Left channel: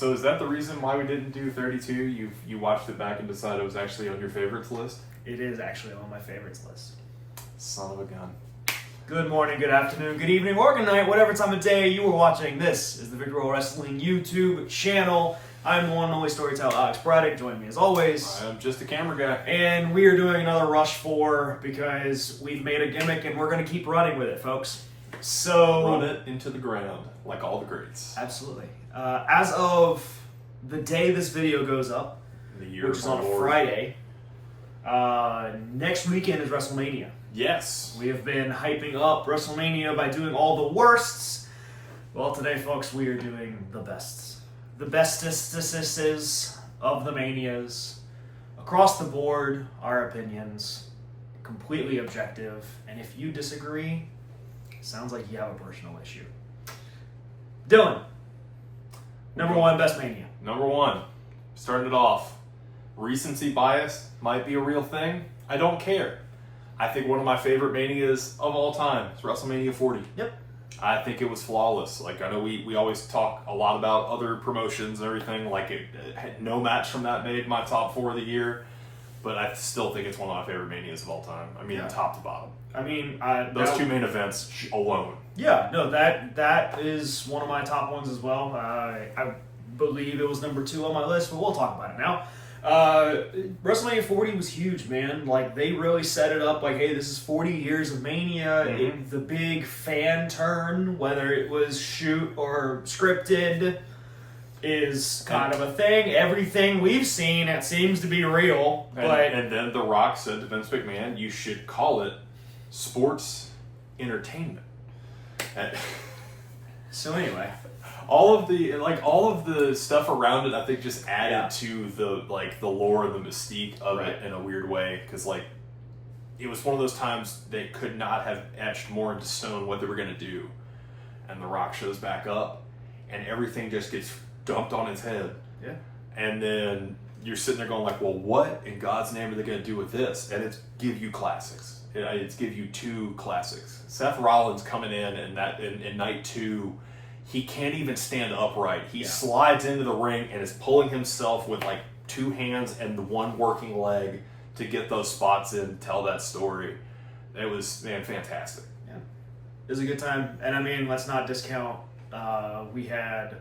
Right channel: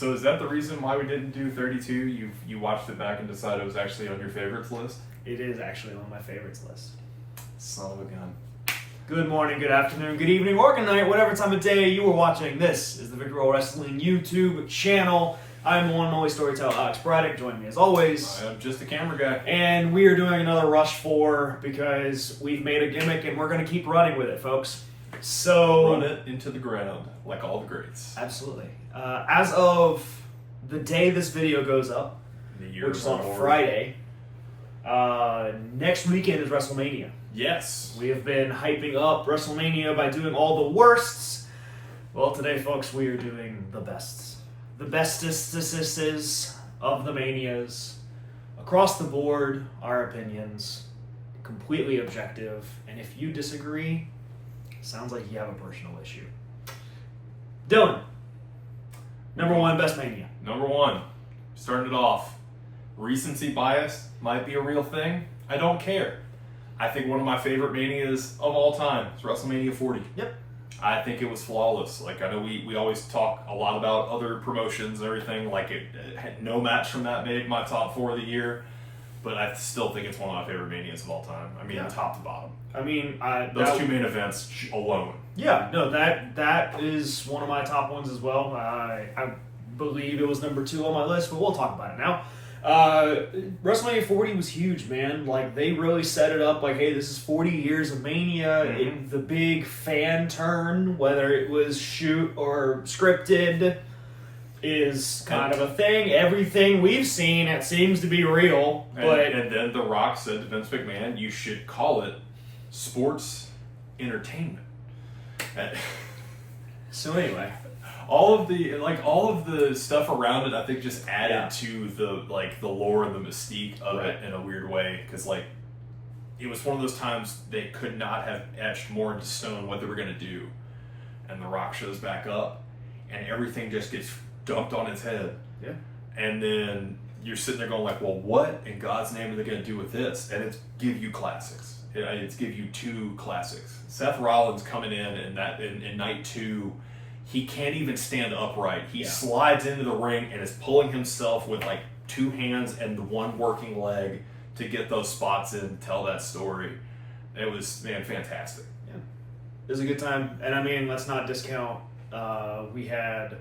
So is that the reason why we didn't do 32? You watched it back and decided it was actually on your favorites list? It is actually on my favorites list. Son of a gun. Good morning, good afternoon, good evening, or good night, whatever time of day you are watching. This is the Victor Roll Wrestling YouTube channel. I'm the one and only storyteller, Alex Braddock. Join me as always. I'm just a camera guy. And we are doing another RushFour because we've made a gimmick and we're going to keep running with it, folks. So Run it into the ground, like all the greats. Absolutely. As of the day this video goes up, which is on a Friday, next weekend is WrestleMania. Yes. We have been hyping up WrestleMania by doing all the worsts. Well, today, folks, we are doing the bests. The bestest of the manias. Across the board, our opinions. Completely objective. And if you disagree, sounds like you have a personal issue. Dylan, number one, best mania. Number one, starting it off. Recency bias might be a real thing. I don't care. I think one of my favorite manias of all time is WrestleMania 40. Yep. I think it was flawless. Like, I know we always talk a lot about other promotions and everything. Like, it had no match from that made my top 4 of the year. But I still think it's one of my favorite manias of all time. I mean, Yeah. top to bottom. I mean, Those two main events alone. Yeah, no, that is one of my top ones as well. I believe it was number 2 on my list, but we'll talk about it now. WrestleMania 40 was huge, man. Like, they really set it up like, hey, this is 40 years of Mania. Mm-hmm. The big fan turn, whether it was shoot or scripted, is kind of a thing. Everything we've seen, it seems to be real. And then The Rock said to Vince McMahon, you should call it sports entertainment. So anyway, all of the stuff around it, I think, just added to the lore and the mystique of it in a weird way. Because it was one of those times they could not have etched more into stone what they were going to do, and The Rock shows back up, and everything just gets dumped on its head. Yeah. And then you're sitting there going like, well, what in God's name are they going to do with this? And it's give you classics. It's give you 2 classics. Seth Rollins coming in night 2. He can't even stand upright. He slides into the ring and is pulling himself with 2 hands and the one working leg to get those spots in, tell that story. It was, man, fantastic. Yeah. It was a good time. And I mean, let's not discount, we had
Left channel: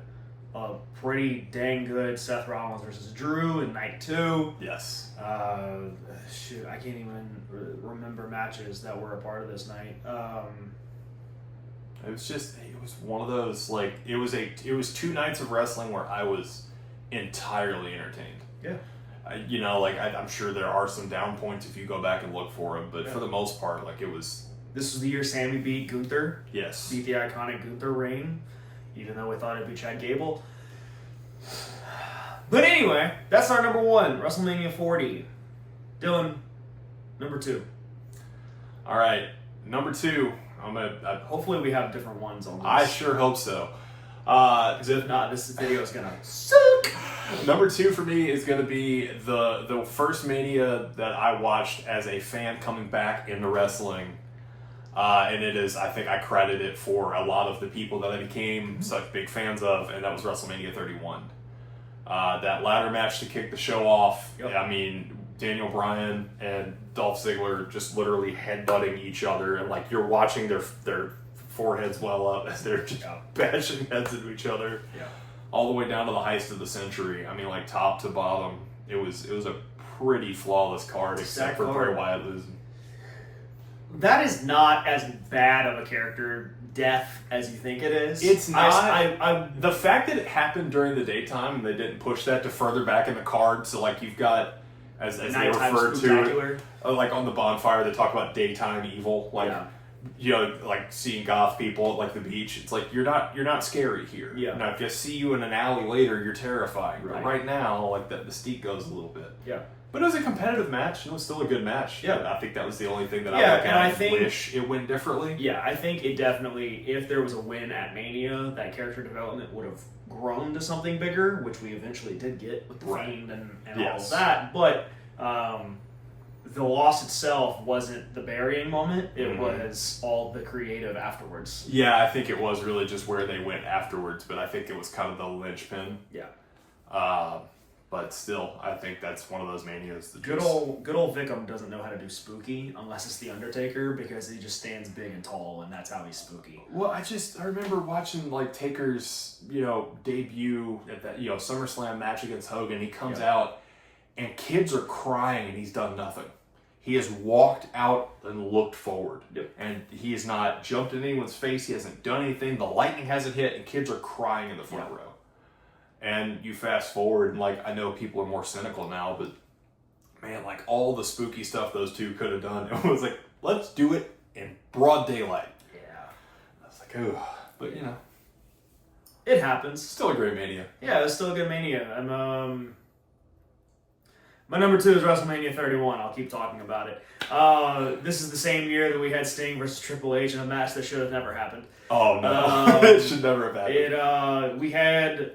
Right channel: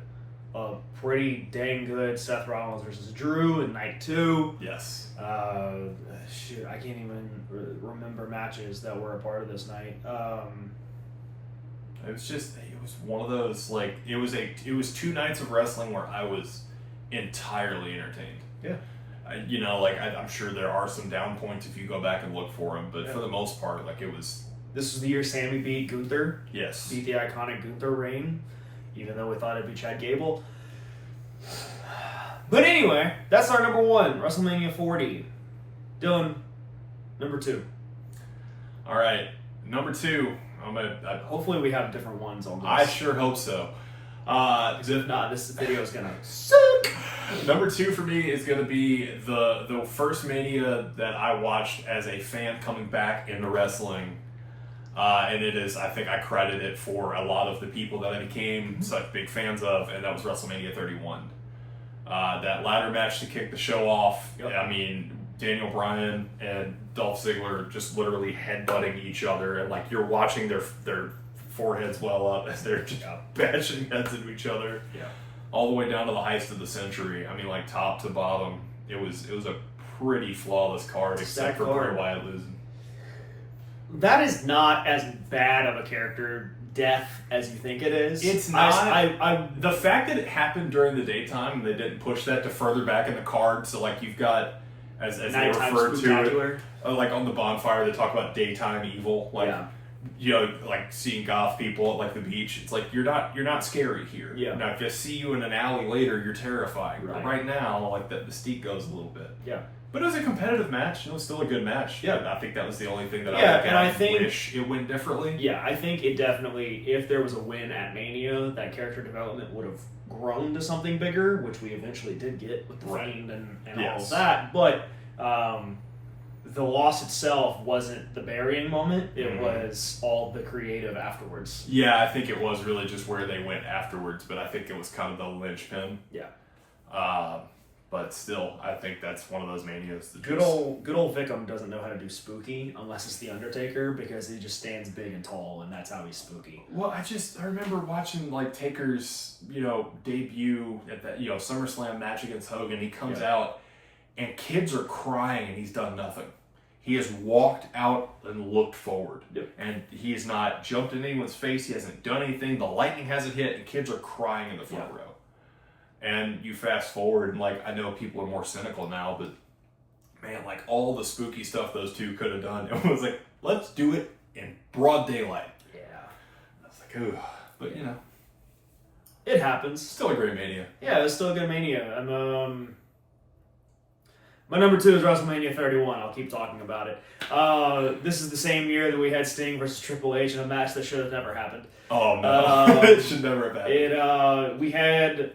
a pretty dang good Seth Rollins versus Drew in night 2. Yes. I can't even remember matches that were a part of this night. It was one of those, it was 2 nights of wrestling where I was entirely entertained. Yeah. I'm sure there are some down points if you go back and look for them, but for the most part, it was... This was the year Sammy beat Gunther. Yes. Beat the iconic Gunther reign, even though we thought it'd be Chad Gable. But anyway, that's our number 1, WrestleMania 40. Dylan, number 2. All right, number 2. Hopefully we have different ones on this. I sure hope so. Because if not, this video is gonna suck. Number 2 for me is gonna be the first Mania that I watched as a fan coming back into wrestling, and it is, I think I credit it for a lot of the people that I became such big fans of, and that was WrestleMania 31. That ladder match to kick the show off. Yep. I mean, Daniel Bryan and Dolph Ziggler just literally headbutting each other, and you're watching their foreheads well up as they're just bashing heads into each other. Yeah. All the way down to the heist of the century. I mean, top to bottom, it was a pretty flawless card, except for Bray Wyatt losing. That is not as bad of a character death as you think it is. It's not. The fact that it happened during the daytime and they didn't push that to further back in the card, so you've got, as they refer to it, on the bonfire, they talk about daytime evil, seeing goth people at the beach. It's you're not scary here. Yeah. Now, if I see you in an alley later, you're terrifying. Right. But right now, that mystique goes a little bit. Yeah. But it was a competitive match. It was still a good match. Yeah. I think that was the only thing that I think wish it went differently. Yeah, I think it definitely, if there was a win at Mania, that character development would have grown to something bigger, which we eventually did get with the Fiend and all of that. But the loss itself wasn't the burying moment. It was all the creative afterwards. Yeah, I think it was really just where they went afterwards, but I think it was kind of the linchpin. Yeah. But still, I think that's one of those Manias. That Good old Vickham doesn't know how to do spooky unless it's the Undertaker, because he just stands big and tall, and that's how he's spooky. Well, I remember watching like Taker's debut at that SummerSlam match against Hogan. He comes out, and kids are crying, and he's done nothing. He has walked out and looked forward, and he has not jumped in anyone's face. He hasn't done anything. The lightning hasn't hit, and kids are crying in the front row. And you fast forward, and like I know people are more cynical now, but man, like all the spooky stuff those two could have done, it was like, let's do it in broad daylight. Yeah. I was like, ooh, but it happens. Still a great Mania. Yeah, it's still a good Mania. And my number 2 is WrestleMania 31. I'll keep talking about it. This is the same year that we had Sting versus Triple H in a match that should have never happened. Oh no, it should never have happened. We had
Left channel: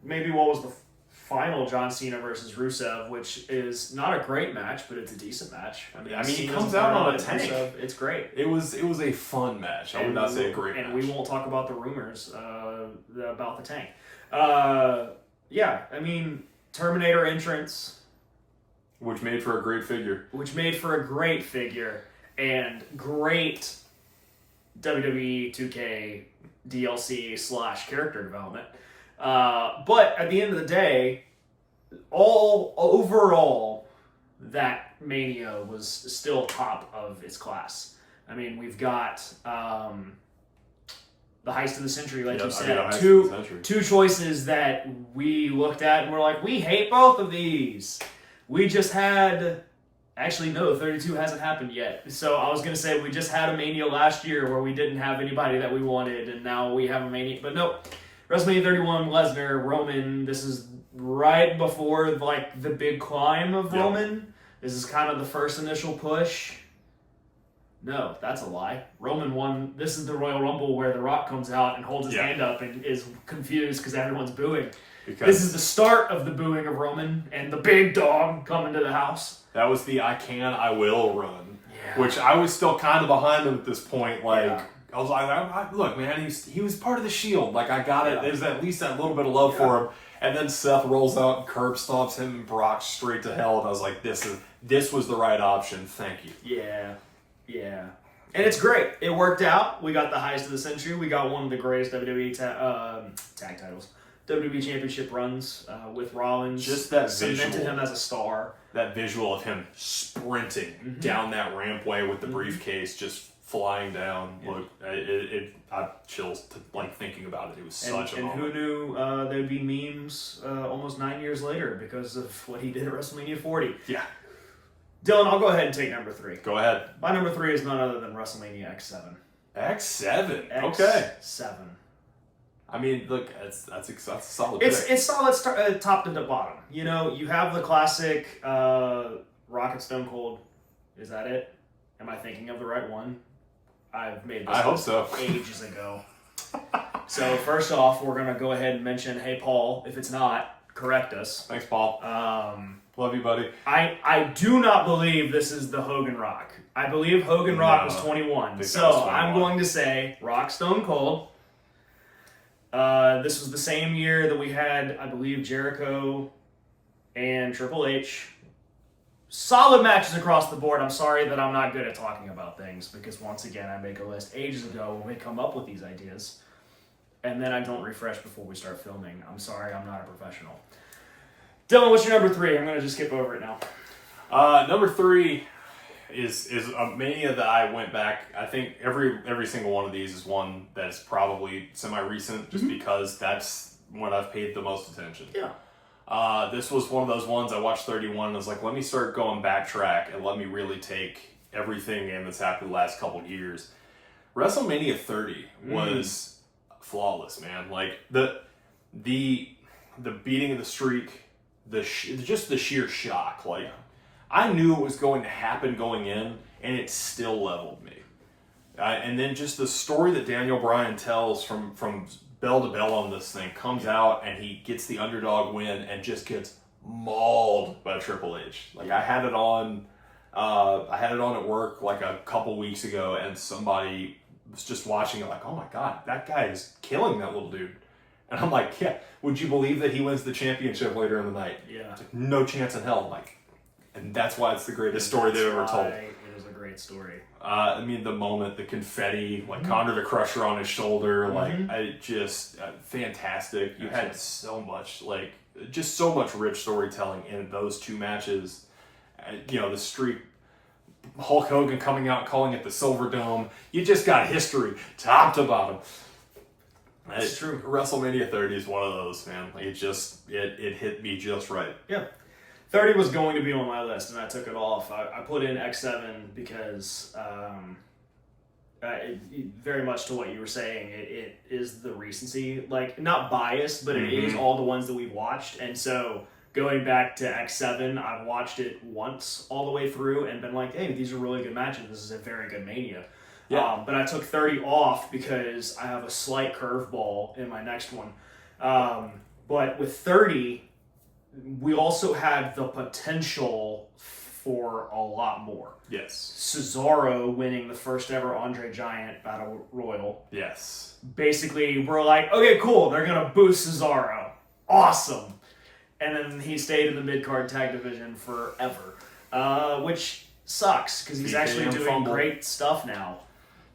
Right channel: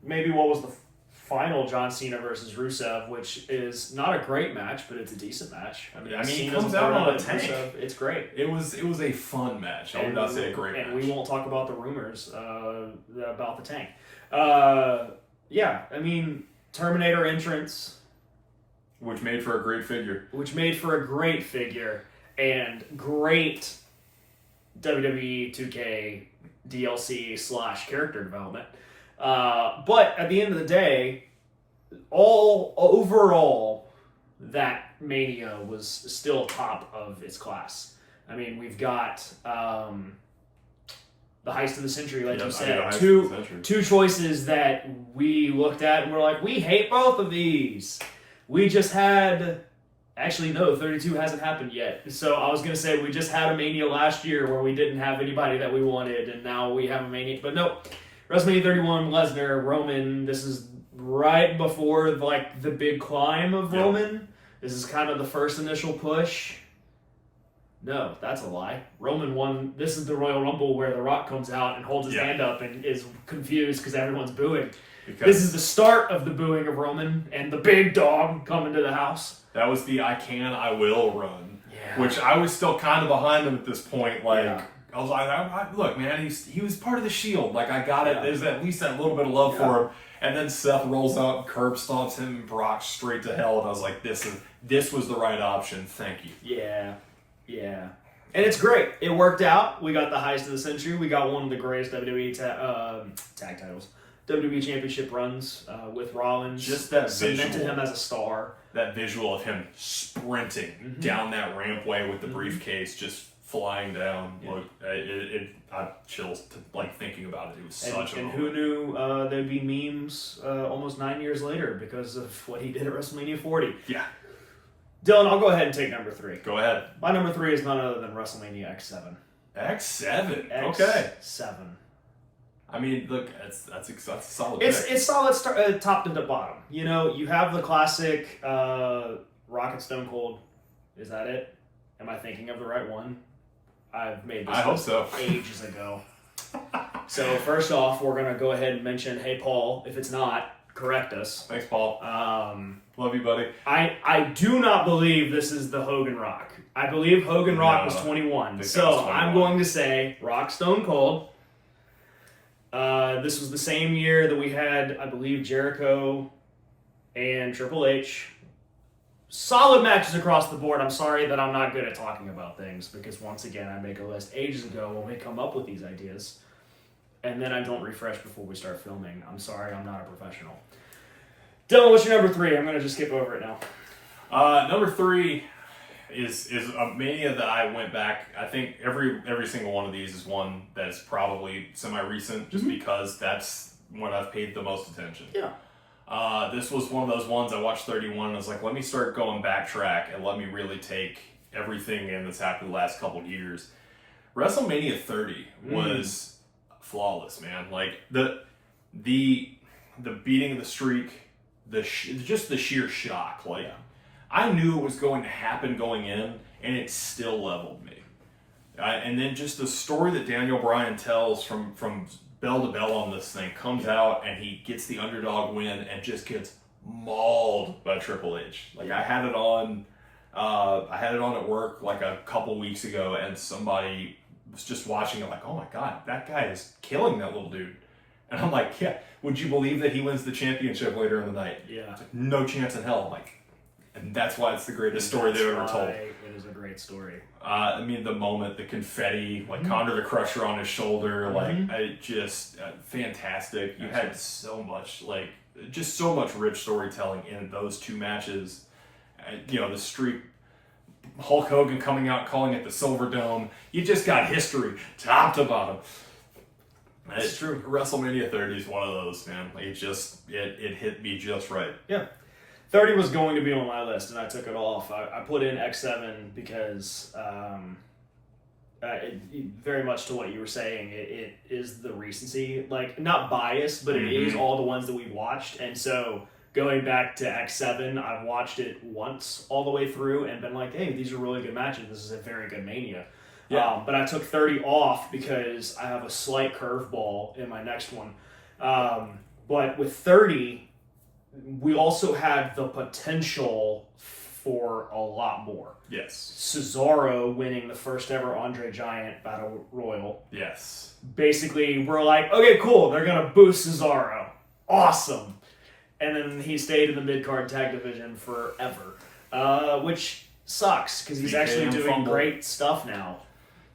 maybe what was the final John Cena versus Rusev, which is not a great match, but it's a decent match. I mean he comes out on a tank. Rusev, it's great. It was a fun match. I would not say a great match. And we won't talk about the rumors about the tank. Terminator entrance. Which made for a great figure. And great WWE 2K DLC / character development. But at the end of the day, overall, that Mania was still top of its class. I mean, we've got the heist of the century, like you said. Two choices that we looked at and we're like, we hate both of these. We just had... Actually, no, 32 hasn't happened yet. So I was going to say we just had a Mania last year where we didn't have anybody that we wanted, and now we have a Mania. But no, WrestleMania 31, Lesnar, Roman. This is right before like the big climb of Roman. This is kind of the first initial push. No, that's a lie. Roman won. This is the Royal Rumble where The Rock comes out and holds his hand up and is confused because everyone's booing. This is the start of the booing of Roman and the big dog coming to the house. That was the I can, I will run, which I was still kind of behind him at this point. Like I was like, look, man, he was part of the Shield. Like I got it. There's at least that little bit of love for him. And then Seth rolls out and curb stomps him and Brock straight to hell. And I was like, this was the right option. Thank you. Yeah. And it's great. It worked out. We got the heist of the century. We got one of the greatest WWE tag titles. WWE Championship runs with Rollins. Just that cemented him as a star. That visual of him sprinting down that rampway with the briefcase just flying down. Look, I chills thinking about it. It was such a moment. And who knew there'd be memes almost 9 years later because of what he did at WrestleMania 40. Yeah. Dylan, I'll go ahead and take number 3. Go ahead. My number 3 is none other than WrestleMania X7. X7? Okay. X7. I mean, look, that's a solid pick. It's solid top to the bottom. You know, you have the classic Rock and Stone Cold. Is that it? Am I thinking of the right one? I've made this hope so. Ages ago. So first off, we're going to go ahead and mention, hey, Paul, if it's not, correct us. Thanks, Paul. Love you, buddy. I do not believe this is the Hogan Rock. I believe Hogan Rock was 21. So I'm going to say Rock Stone Cold. This was the same year that we had, I believe, Jericho and Triple H. Solid matches across the board. I'm sorry that I'm not good at talking about things because, once again, I make a list ages ago when we come up with these ideas, and then I don't refresh before we start filming. I'm sorry, I'm not a professional. Dylan, what's your number 3? I'm going to just skip over it now. Number 3 is a Mania that I went back. I think every single one of these is one that's probably semi-recent just because that's when I've paid the most attention. Yeah. This was one of those ones I watched 31 and I was like, let me start going backtrack and let me really take everything in that's happened the last couple years. WrestleMania 30 was flawless, man. Like the beating of the streak, just the sheer shock. Like I knew it was going to happen going in, and it still leveled me. And then just the story that Daniel Bryan tells from bell to bell on this thing comes out, and he gets the underdog win and just gets mauled by Triple H. Like I had it on at work like a couple weeks ago, and somebody was just watching it like, oh my god, that guy is killing that little dude. And I'm like, yeah, would you believe that he wins the championship later in the night? Yeah. It's like, no chance in hell. I'm like, and that's why it's the greatest story they've ever told. It is a great story. I mean, the moment, the confetti, like Conor the Crusher on his shoulder, like, I just, fantastic. You had so much, like, just so much rich storytelling in those two matches. You know, the streak, Hulk Hogan coming out calling it the Silver Dome. You just got history, top to bottom. That's true. WrestleMania 30 is one of those, man. Like, it hit me just right. Yeah. 30 was going to be on my list, and I took it off. I put in X7 because, very much to what you were saying, it is the recency. Like, not biased, but it is all the ones that we've watched. And so, going back to X7, I've watched it once all the way through and been like, hey, these are really good matches. This is a very good Mania. Yeah. But I took 30 off because I have a slight curveball in my next one. But with 30... we also had the potential for a lot more. Yes. Cesaro winning the first ever Andre Giant Battle Royal. Yes. Basically, we're like, okay, cool, they're going to boost Cesaro. Awesome. And then he stayed in the mid-card tag division forever, which sucks because he's actually doing great stuff now.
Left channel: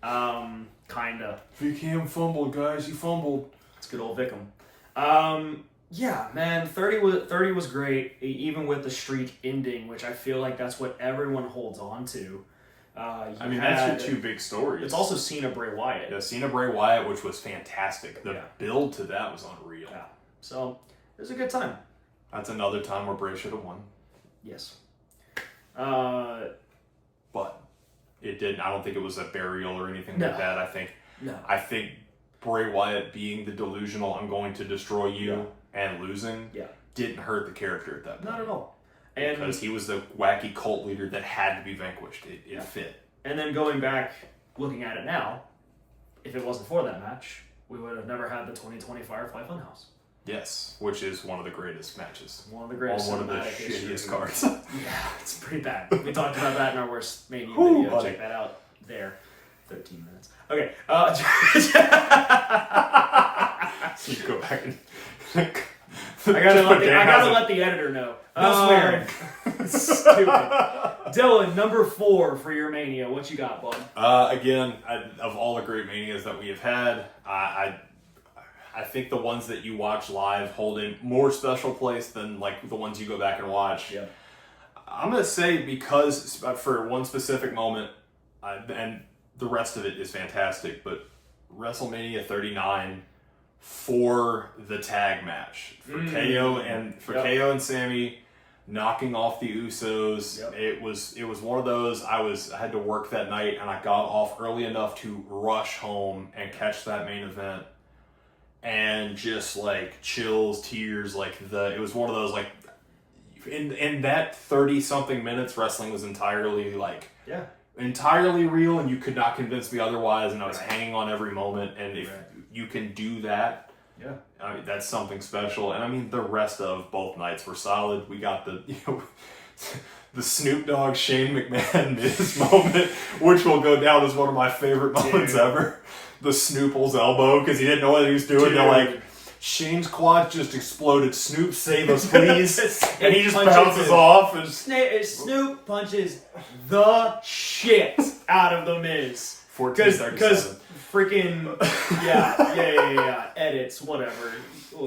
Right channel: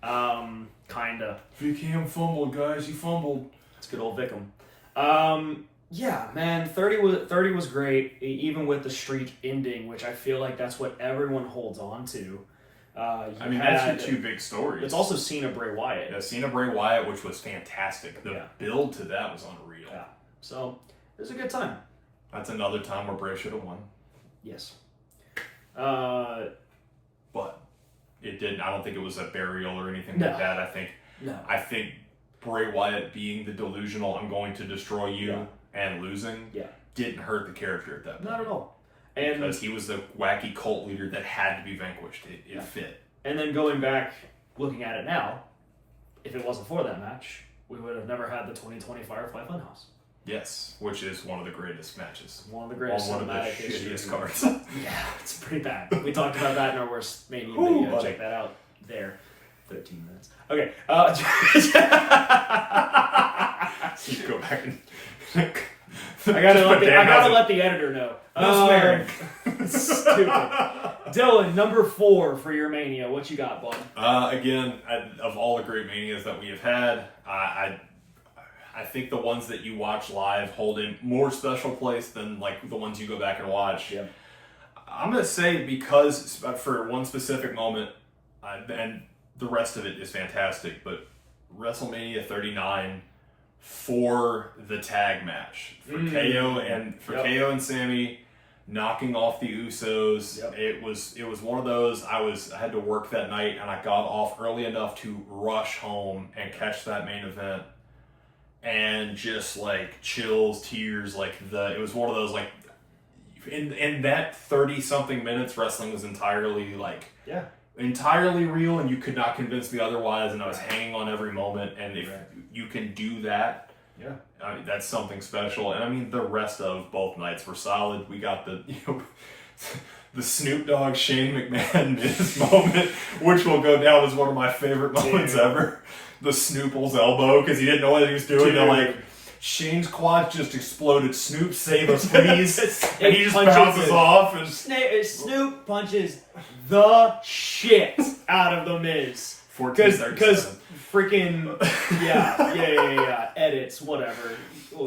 Kinda. VKM fumbled, guys. You fumbled. It's good old Vickham. Yeah, man, 30 was great, even with the streak ending, which I feel like that's what everyone holds on to. That's your two big stories. It's also Cena Bray Wyatt. Yeah, Cena Bray Wyatt, which was fantastic. The build to that was unreal. Yeah. So, it was a good time. That's another time where Bray should have won. Yes. But it didn't. I don't think it was a burial or anything like that. I think Bray Wyatt being the delusional, I'm going to destroy you, and losing didn't hurt the character at that point. Not at all. Because he was the wacky cult leader that had to be vanquished. It fit. And then going back, looking at it now, if it wasn't for that match, we would have never had the 2020 Firefly Funhouse. Yes, which is one of the greatest matches. One of the greatest on one of the shittiest cards. Yeah, it's pretty bad. We talked about that in our worst Mania video. Check that out there. 13 minutes. Okay. So you go back and... I gotta let the editor know. No swearing. Stupid. Dylan, number 4 for your Mania. What you got, bud? Again, of all the great Manias that we have had, I think the ones that you watch live hold a more special place than like the ones you go back and watch. Yep. I'm gonna say because for one specific moment, and the rest of it is fantastic, but WrestleMania 39 for the tag match for KO and Sammy knocking off the Usos. Yep. It was one of those. I had to work that night and I got off early enough to rush home and catch that main event, and just like chills, tears, it was one of those like in that 30 something minutes, wrestling was entirely entirely real, and you could not convince me otherwise, and I was hanging on every moment, and if you can do that, that's something special. And I mean, the rest of both nights were solid. We got the the Snoop Dogg Shane McMahon Miz moment, which will go down as one of my favorite moments ever. The Snoople's elbow, because he didn't know what he was doing. They're like, Shane's quad just exploded. Snoop, save us, please. And he just bounces off. And Snoop punches the shit out of the Miz. Because freaking edits, whatever.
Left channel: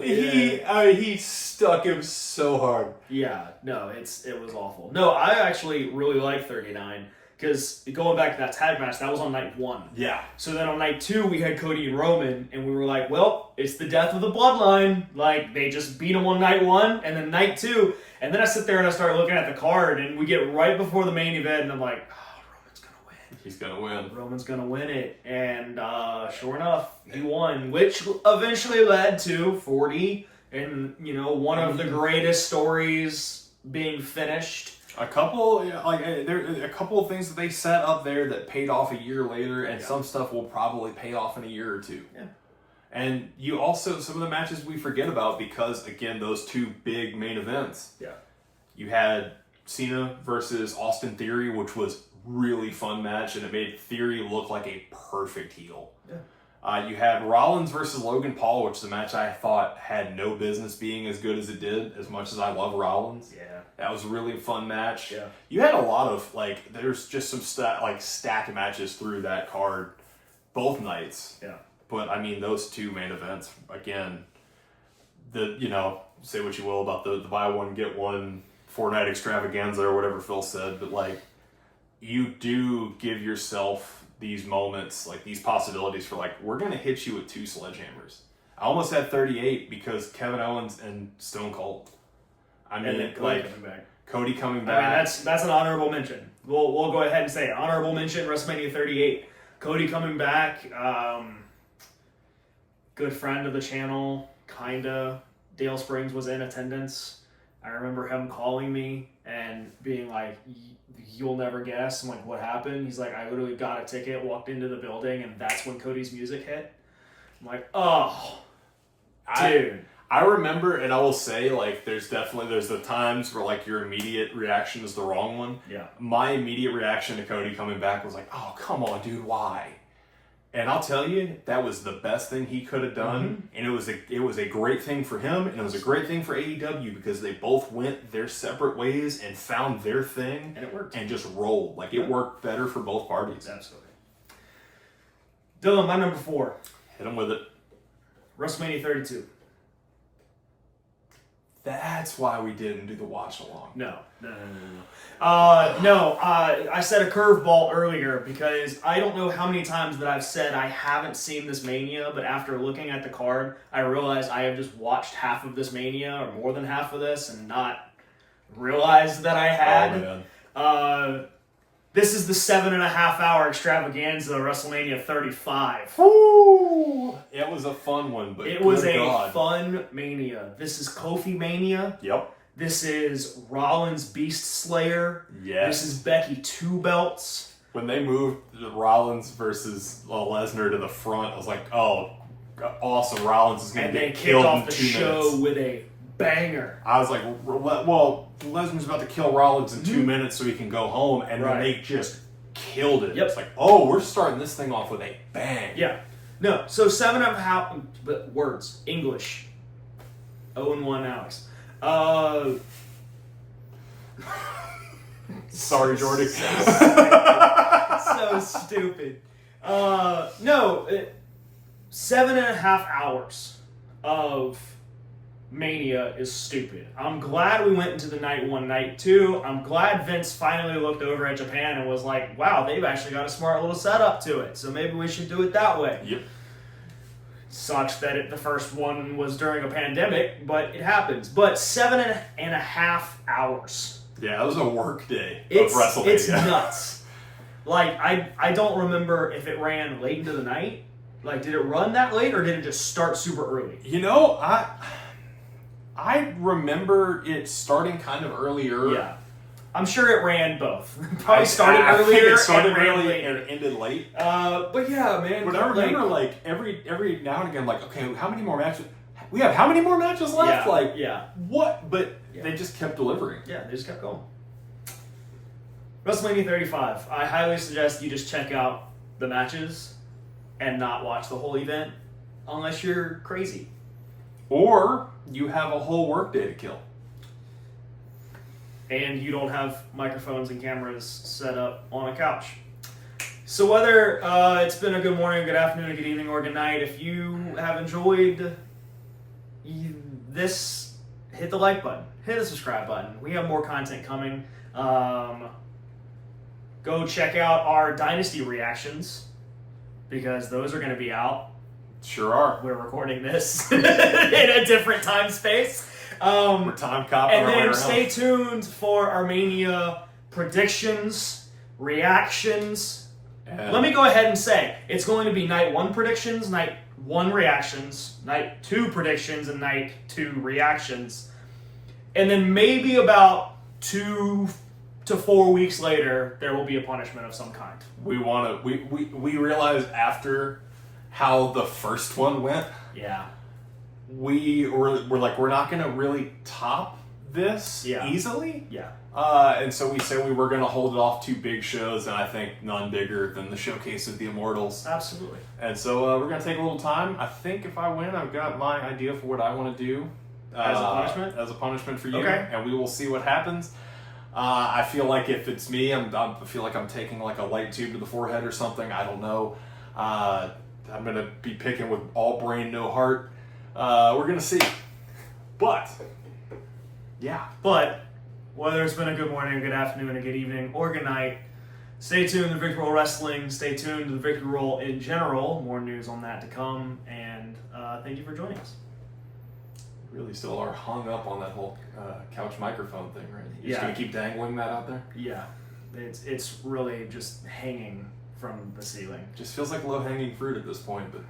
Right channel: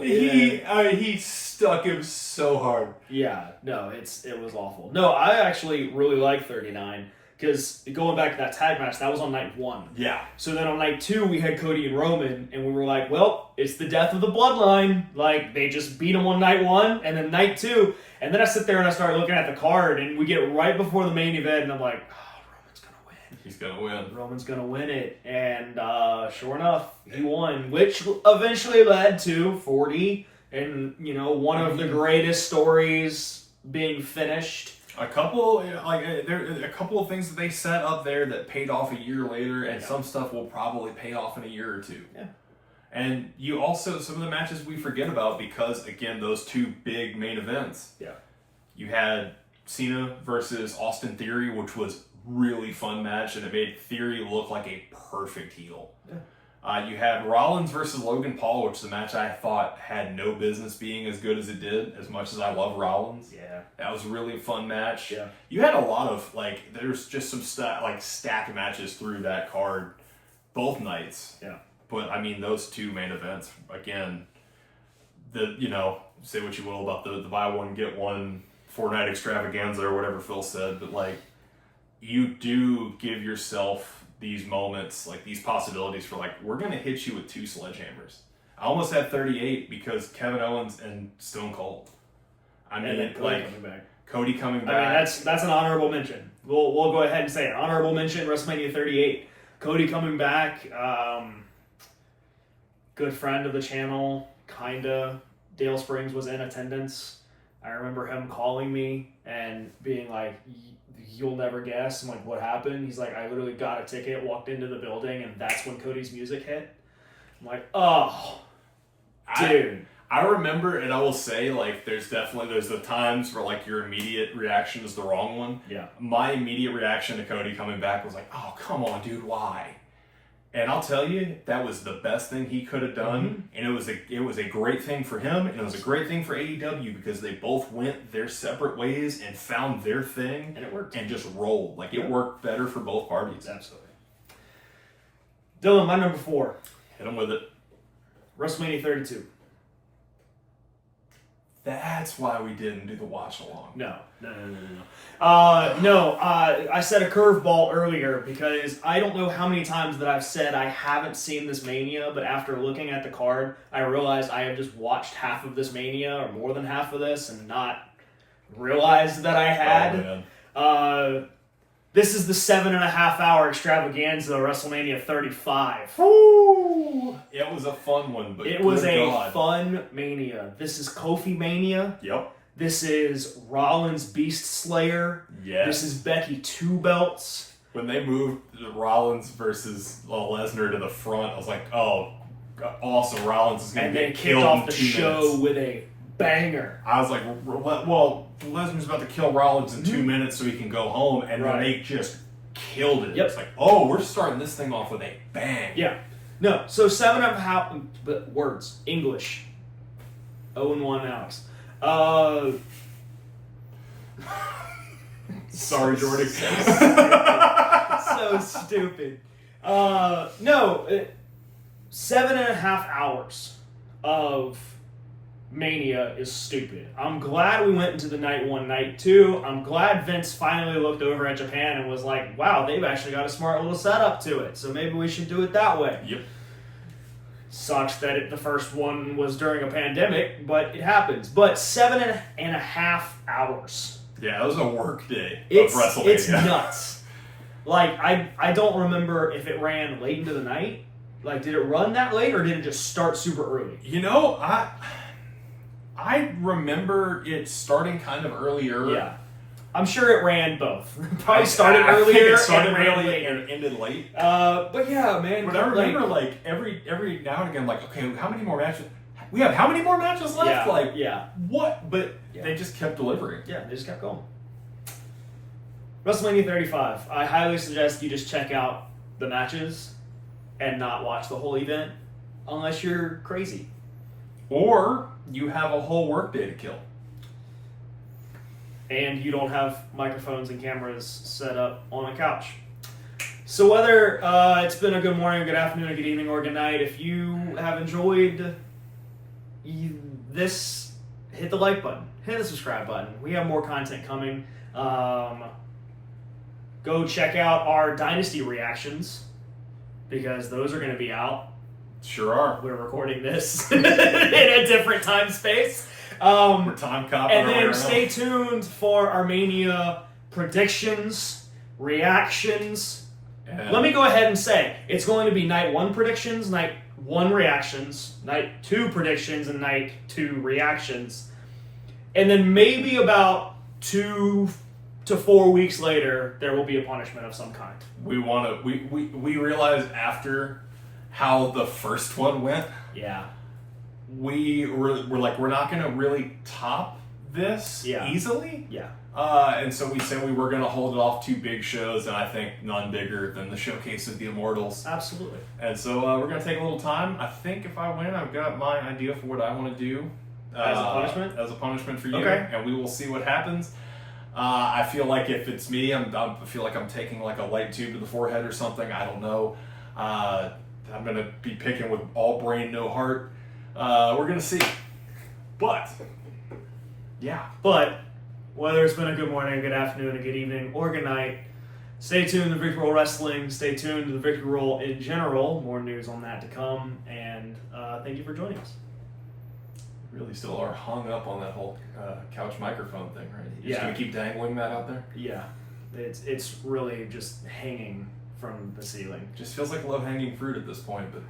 He stuck him so hard. Yeah, no, it was awful. No, I actually really like 39. Because going back to that tag match, that was on night 1. Yeah. So then on night 2, we had Cody and Roman, and we were like, well, it's the death of the bloodline. Like, they just beat them on night 1, and then night 2. And then I sit there and I start looking at the card, and we get right before the main event, and I'm like, Roman's going to win. He's going to win. Roman's going to win it. And sure enough, he won, which eventually led to 40, and, one of the greatest stories being finished. A couple of things that they set up there that paid off a year later, and some stuff will probably pay off in a year or two. Yeah. And you also, some of the matches we forget about because, again, those two big main events. Yeah. You had Cena versus Austin Theory, which was really fun match, and it made Theory look like a perfect heel. Yeah. You have Rollins versus Logan Paul, which is a match I thought had no business being as good as it did, as much as I love Rollins. Yeah. That was a really fun match. Yeah. You had a lot of, there's just some stacked matches through that card both nights. Yeah. But, I mean, those two main events, again, say what you will about the buy one, get one Fortnite extravaganza or whatever Phil said, but, you do give yourself these moments, these possibilities for, we're going to hit you with 2 sledgehammers. I almost had 38 because Kevin Owens and Stone Cold. I mean, and then Cody coming back. Cody coming back. I mean, that's an honorable mention. We'll go ahead and say it. Honorable mention, WrestleMania 38. Cody coming back. Good friend of the channel, kinda. Dale Springs was in attendance. I remember him calling me and being like, "You'll never guess." I'm like, "What happened?" He's like, "I literally got a ticket, walked into the building, and that's when Cody's music hit." I'm like, "Oh, dude." I remember, and I will say, there's the times where, your immediate reaction is the wrong one. Yeah. My immediate reaction to Cody coming back was like, "Oh, come on, dude, why?" And I'll tell you, that was the best thing he could have done, and it was a great thing for him, and it was a great thing for AEW because they both went their separate ways and found their thing, and it worked, and just rolled. It worked better for both parties. Absolutely. Dylan, my number 4. Hit him with it. WrestleMania 32. That's why we didn't do the watch along. No. I said a curveball earlier because I don't know how many times that I've said I haven't seen this Mania, but after looking at the card, I realized I have just watched half of this Mania or more than half of this and not realized that I had. Oh, man. This is the 7.5 hour extravaganza WrestleMania 35. Woo! It was a fun one, but it was a fun Mania. This is Kofi Mania. Yep. This is Rollins Beast Slayer. Yes. This is Becky 2 belts. When they moved Rollins versus Lesnar to the front, I was like, "Oh, awesome! Rollins is going to get killed in 2 minutes." And they kicked off the show with a banger. I was like, "Well, Lesnar's about to kill Rollins in 2 minutes so he can go home," and then they just killed it. Yep. It's like, "Oh, we're starting this thing off with a bang." Yeah. No. So 7.5 but words English. 0-1 Alex. Sorry, Jordy. So stupid. 7.5 hours of Mania is stupid. I'm glad we went into the night 1, night 2. I'm glad Vince finally looked over at Japan and was like, "Wow, they've actually got a smart little setup to it, so maybe we should do it that way." Yep. Sucks that the first one was during a pandemic, but it happens. But 7.5 hours. Yeah, it was a work day of WrestleMania. It's nuts. I don't remember if it ran late into the night. Did it run that late, or did it just start super early? I remember it starting kind of earlier. Yeah. I'm sure it ran both. Probably started earlier and ran later. And ended late. But yeah, man. But I remember every now and again, okay, how many more matches? We have how many more matches left? What? But they just kept delivering. Yeah, they just kept going. WrestleMania 35. I highly suggest you just check out the matches and not watch the whole event unless you're crazy. Or you have a whole workday to kill. And you don't have microphones and cameras set up on a couch. So whether it's been a good morning, good afternoon, or good evening, or good night, if you have enjoyed this, hit the like button, hit the subscribe button. We have more content coming. Go check out our Dynasty reactions, because those are going to be out. Sure are. We're recording this in a different time space. We're time copping. And then stay tuned for Armenia predictions, reactions. Let me go ahead and say it's going to be night 1 predictions, night 1 reactions, night 2 predictions, and night 2 reactions. And then maybe about 2 to 4 weeks later, there will be a punishment of some kind. We realized after how the first one went. Yeah. We're like, we're not going to really top this Yeah. easily. Yeah. And so we said we were going to hold it off 2 big shows, and I think none bigger than the Showcase of the Immortals. Absolutely. And so we're going to take a little time. I think if I win, I've got my idea for what I want to do. As a punishment? As a punishment for you. Okay. And we will see what happens. I feel like if it's me, I feel like I'm taking like a light tube to the forehead or something. I don't know. I'm going to be picking with all brain, no heart. We're going to see. But, yeah. But whether it's been a good morning, a good afternoon, a good evening, or good night, stay tuned to Victory Roll Wrestling. Stay tuned to the Victory Roll in general. More news on that to come. And thank you for joining us. Really still are hung up on that whole couch microphone thing, right? You're just Yeah. going to keep dangling that out there? Yeah. It's really just hanging from the ceiling. Just feels like low-hanging fruit at this point, but